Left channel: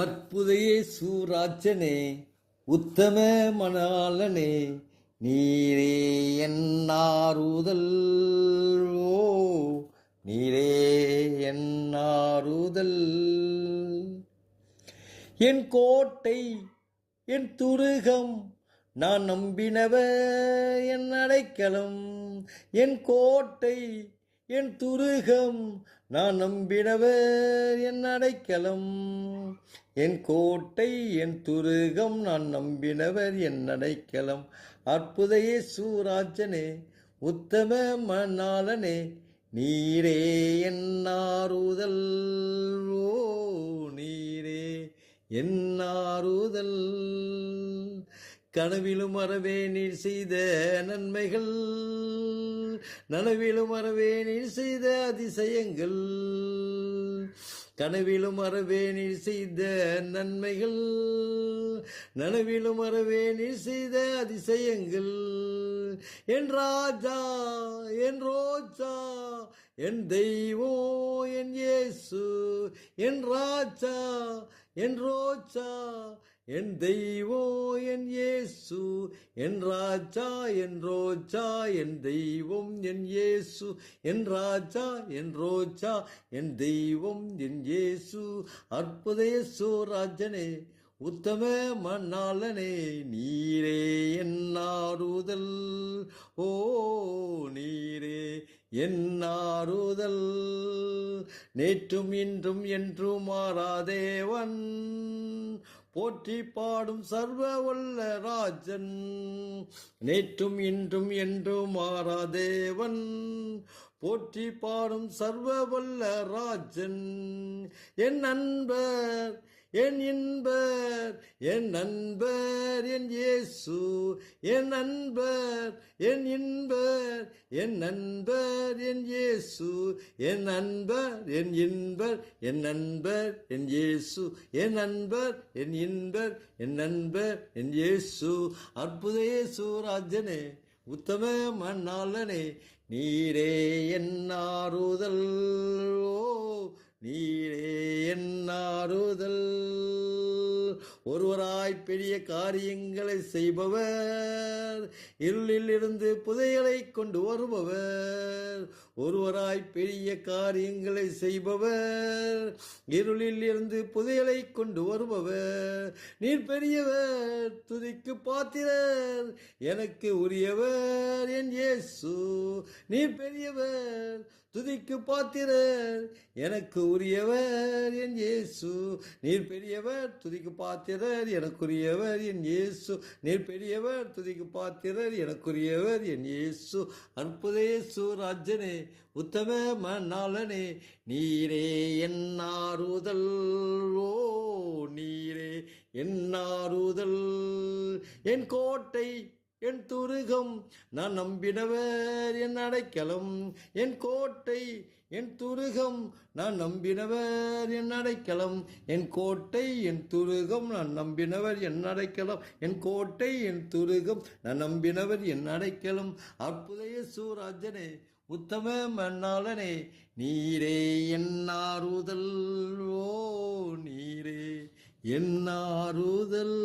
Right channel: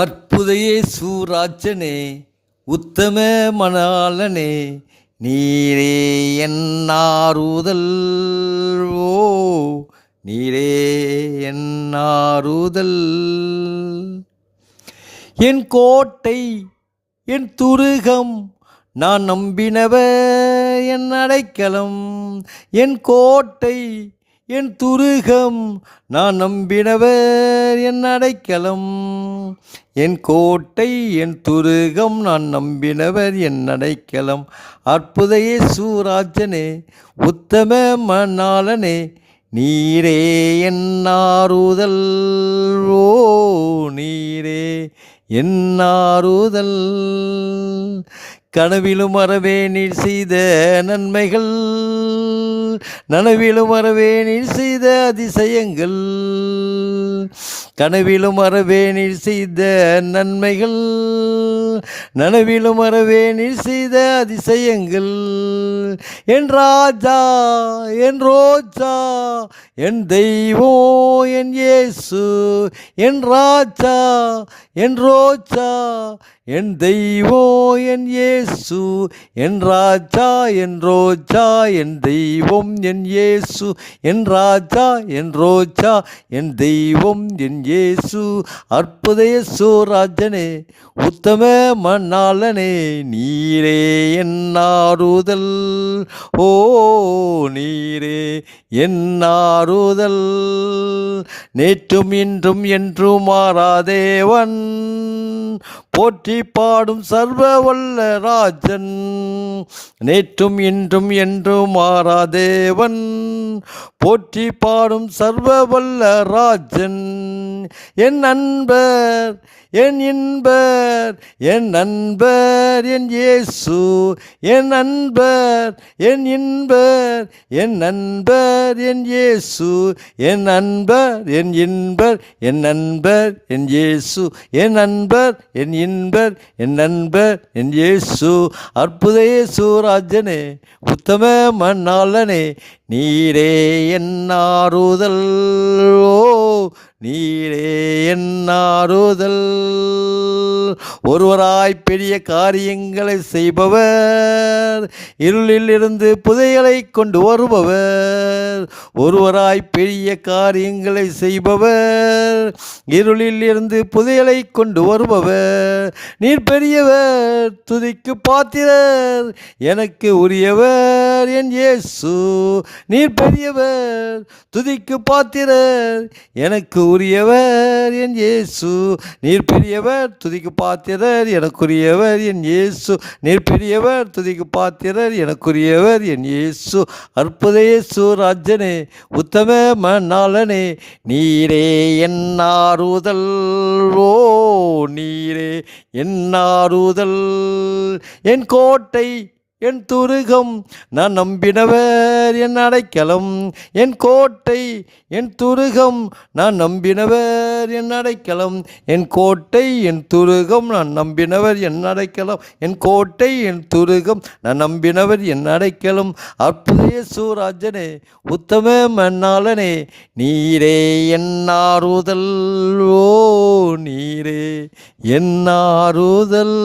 அற்புத இயேசு ராஜனே, உத்தம மணாளனே, நீரே என் ஆறுதல். ஓ நீரே என் ஆறுதல். என் கோட்டை, என் துருகம், நான் நம்பினவர் என் அடைக்கலம். என் கோட்டை, என் துருகம், நான் நம்பினவர் என் அடைக்கலம். என் கோட்டை, என் துருகம், நான் நம்பினவர் என் அடைக்கலம். அற்புத இயேசு ராஜனே, உத்தம மணாளனே, நீரே என் ஆறுதல். ஓ நீரே என் ஆறுதல். கனவிலும் அறவே நீர் செய்த நன்மைகள், நனவிலும் அறவே நீர் செய்த அதிசயங்கள். கனவிலும் அறவே நீர் செய்த நன்மைகள், நனவிலும் அறவே நீர் செய்த அதிசயங்கள். என் ராஜா, என் ரோஜா, என் தெய்வம் என் இயேசு. என் ராஜா, என் ரோஜா, என் தெய்வம் என் இயேசு. என் ராஜா, என் ரோஜா, என் தெய்வம் என் இயேசு. என் ராஜா, என் ரோஜா, என் தெய்வம் என் இயேசு. அற்புத இயேசு ராஜனே, உத்தம மணாளனே, நீரே என் ஆறுதல். ஓ நீரே என் ஆறுதல். நேற்றும் இன்றும் என்றும் மாறாதேவன், போற்றி பாடும் சர்வ வல்ல ராஜன். நேற்றும் இன்றும் என்றும் மாறாதேவன், போற்றி பாடும் சர்வ வல்ல ராஜன். என் நண்பர், என் இன்பர், என் நண்பர் என் இயேசு. என் நண்பர், என் இன்பர், என் நண்பர் என் இயேசு. என் நண்பர், என் இன்பர், என் நண்பர் என் இயேசு. என் நண்பர், என் இன்பர், என் நண்பர் என் இயேசு. அற்புத இயேசு ராஜனே, உத்தம மணாளனே, நீரே என் ஆறுதல். ஓ நீரே என் ஆறுதல். ஒருவராய் பெரிய காரியங்களை செய்பவர், இருளில் இருந்து புதையலை கொண்டு வருபவர். ஒருவராய் பெரிய காரியங்களை செய்பவர், இருளில் இருந்து புதையலை கொண்டு வருபவர். நீர் பெரியவர், துதிக்கு பாத்திரர், எனக்கு உரியவர் என் இயேசு. நீர் பெரியவர், துதிக்கு பாத்திரர், எனக்கு உரியவர் என் இயேசு. நீர் பெரியவர், துதிக்கு பாத்திரர், எனக்குரியவர் என் இயேசு. நீர் பெரியவர், துதிக்கு பாத்திரர், எனக்குரியவர் என் இயேசு. அற்புத இயேசு ராஜனே, உத்தம மணாளனே, நீரே என் ஆறுதல். ஓ நீரே என் ஆறுதல். என் கோட்டை, என் துருகம், நான் நம்பினவர் என் அடைக்கலம். என் கோட்டை, என் துருகம், நான் நம்பினவர் என் அடைக்கலம். என் கோட்டை, என் துருகம், நான் நம்பினவர் என் அடைக்கலம். என் கோட்டை, என் துருகம், நான் நம்பினவர் என் அடைக்கலம். அற்புத இயேசு ராஜனே, உத்தம மணாளனே, நீரே என் ஆறுதல். ஓ நீரே என் ஆறுதல்.